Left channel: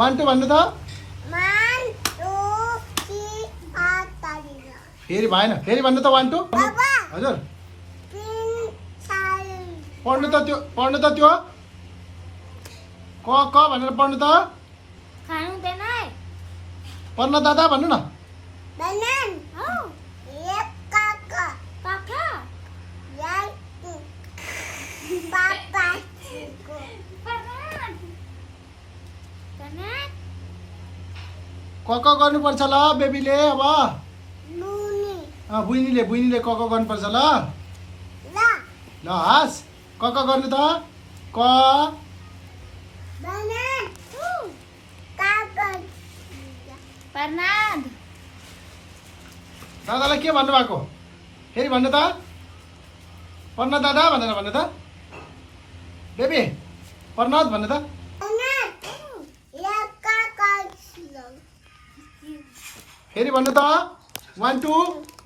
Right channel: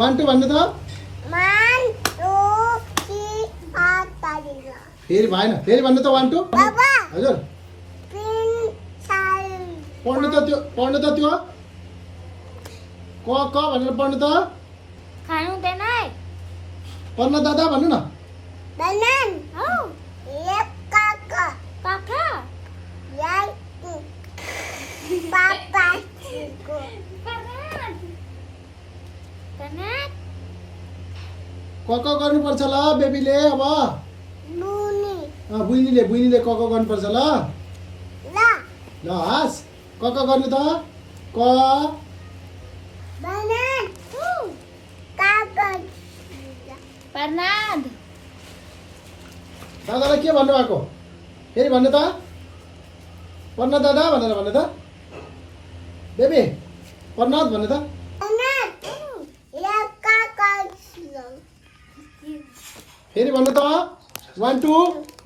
1 2 भन्नु त 1 2 3 4 5 फेरि भएन फेरि भन्नु त 1 2 बाबा हजुर 3 4 पढ्नु त त्यो क भनेर पढ्नु त खानु हुँदैन है पढ्न दादा भन्नु न बनान हो एक काका काका याइ पापा बनान बनान क गर्नुपर्छ ल बेबीले अब नुनी बुइनीले क गर्नुपर्छ ल ला ल हास क गर्नु त क बनान काका प्रनाद दादालाई के भन्नु भएको फेरि भन्नु त पढ्न दादा भनेर भन्नु त बेबी प्रनाद भन्नु त बनान या काका फेरि भन्नु त 1 2